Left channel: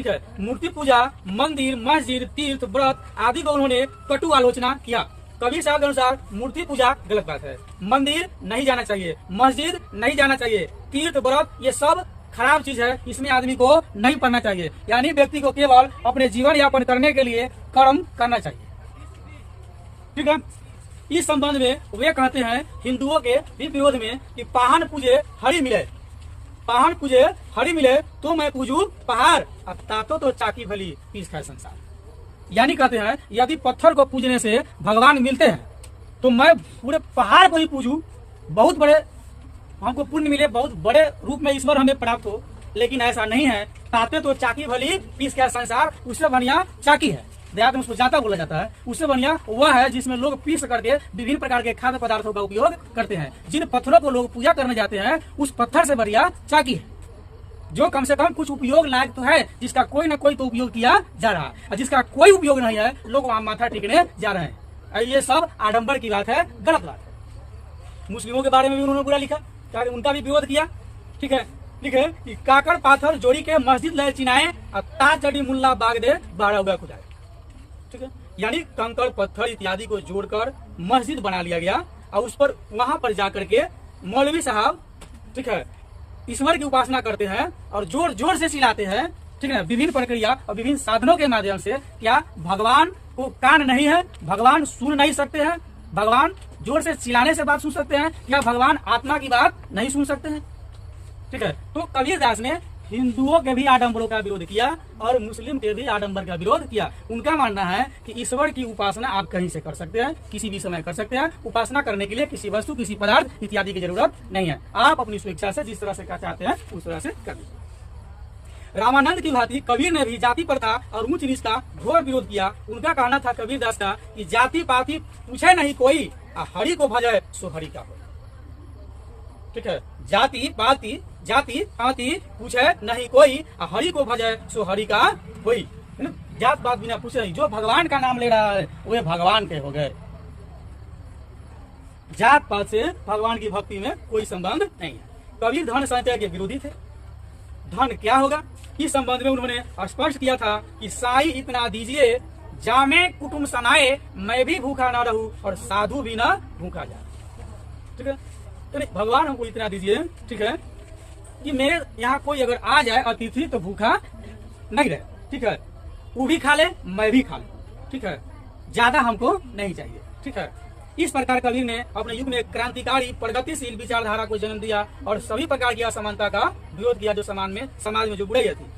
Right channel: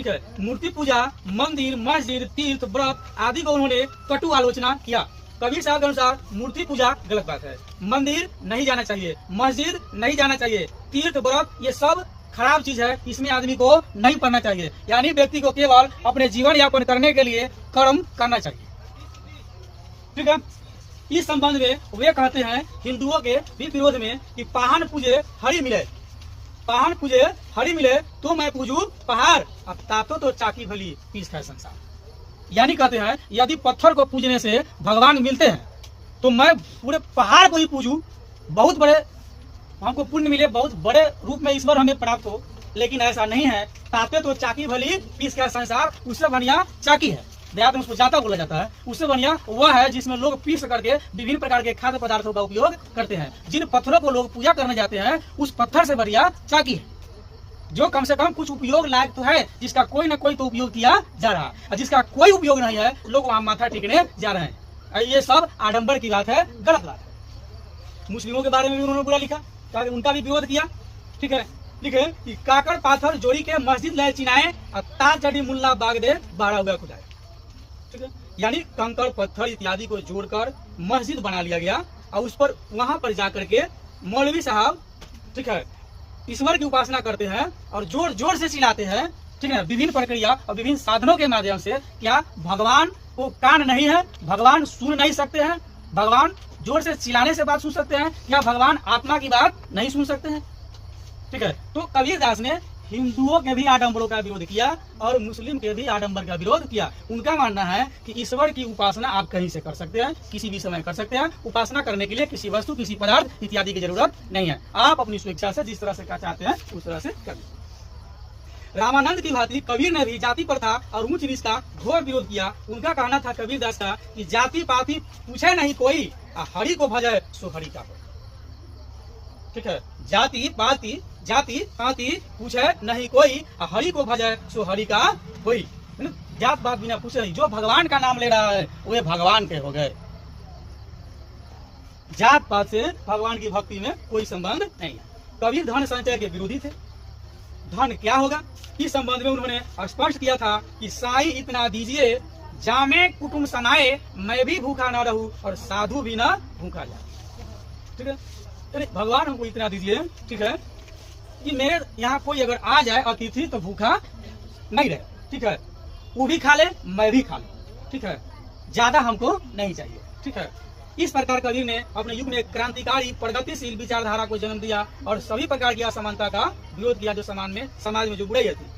ठीक है। मूर्ति पूजा, मंदिर, मस्जिद, तीर्थ, व्रत आदि को उन्होंने कटु आलोचना किया। कबीर साहब के अनुसार मूर्ति पूजा गलत बात है, मंदिर नहीं जाना चाहिए, मस्जिद नहीं जाना चाहिए, तीर्थ व्रत ये सब खराब चीज है, इसमें आदमी को नहीं पढ़ना चाहिए। यानी व्यक्ति को केवल अपने जीवन यापन करने के लिए कर्म करना चाहिए। ठीक है। इस संबंध में वे कहते हैं हिंदुओं के भी विरोध में कि पाहन पूजे हरि मिले, पाहन पूजे हरि मिले तो मैं पूजू पहाड़, अब तातो तो चाकी भली पीस है संसार। यानी कहते हैं यदि पत्थर को पूजने से भगवान मिलते हैं तो मैं पूरे पहाड़ को ही पूजू, बहुत बड़े हमको पुण्य मिले, बहुत बड़े रूप में ईश्वर हमें प्राप्त हो। लेकिन ऐसा नहीं है, ताते तो चाकी भली पीस का संसार, उससे बढ़िया चाकी है, देहात में उसको जाता बोला जाता है। उससे बढ़िया वह है जिसमें लोग पीस करके विभिन्न प्रकार के खाद्य पदार्थों का उपयोग करते हैं। जिन पत्थरों को लोग पूजा करने जाते हैं उस पत्थर से बढ़िया चाकी है, जो कम से कम कुछ उपयोग लायक तो है, जिसका कोई ना कोई तो उपयोग किया जा रहा है, और जिसका कोई उपयोग नहीं है लोग वहां माथा टेकने जा रहे हैं। ये सब आडंबर की बात है, गलत बात है। मुस्लिमों के बारे में भी उन्होंने बुरा लिखा, उनका भी विरोध किया। ठीक है। लिखे कि काकड़ पाथर जोड़ी के मस्जिद लय चिनाए और ताज चढ़ी मुल्ला बाग दे 12 हुआ खुदाए। ठीक है। यानी कंकड़ पत्थर इत्यादि को जोड़कर मस्जिद बना लिया गया और उस पर वहां पर जाकर के मौलवी साहब, ठीक है, ईश्वर की उपासना करते हैं और जोर जोर से चिल्लाते हैं। ठीक है। विभिन्न प्रक्रिया और विभिन्न साधनों के माध्यम से, क्या भगवान को कान नहीं है, भगवान सुन नहीं सकते हैं, भगवान जोर से चिल्लाने से बात सुन सकते हैं, या भगवान आत्मा की बात नहीं सुन सकते हैं। ठीक है। तो कबीरदास ने हिंदुओं के भी आडंबरों का विरोध किया और मुस्लिम के भी आडंबर का विरोध किया। उनका मानना है कि ईश्वर की उपासना आप कहीं से कर सकते हैं, किसी भी समय कर सकते हैं। उपासना करने के लिए किसी वस्तु, किसी पदार्थ इत्यादि की जरूरत नहीं है, आप अपनी स्वेच्छा से जिस तरह से चाहते हैं उस तरह से कर लीजिए। रामानंद की भांति कबीर ने भी जाति प्रथा और ऊंच नीच का घोर विरोध किया। उनका कहना था कबीरदास का कि जाति पाति पूछे नहीं कोई, हरि को भजे सो हरि का हो। ठीक है। जाति पाति पूछे नहीं कोई, हरि को भजे सो हरि का कोई। जात पात बिना पूछे जो भगवान का नाम ले रहा है वे भगवान के हो गए। जात पात से भगवान की भक्ति में कोई संबंध नहीं है। कबीर धन संचय के विरोधी थे। धन क्या होगा इस संबंध में उन्होंने स्पष्ट किया था कि साई इतना दीजिए जामे कुटुंब समाए, मैं भी भूखा ना रहूं और साधु भी ना भूखा जाए। ठीक है। भगवान हमको इतना दीजिए, ठीक है, कि मेरे यहाँ कोई अगर आ जाए अतिथि तो भूखा नहीं रहे। ठीक है। वो भी खा ले, मैं भी खा ले। ठीक है। ज्यादा हमको नहीं चाहिए। ठीक है। इस प्रकार कबीर ने अपने युग में क्रांतिकारी प्रगतिशील विचारधारा को जन्म दिया और सभी प्रकार की असमानता का विरोध किया जो समाज में जो बुराइयां थी।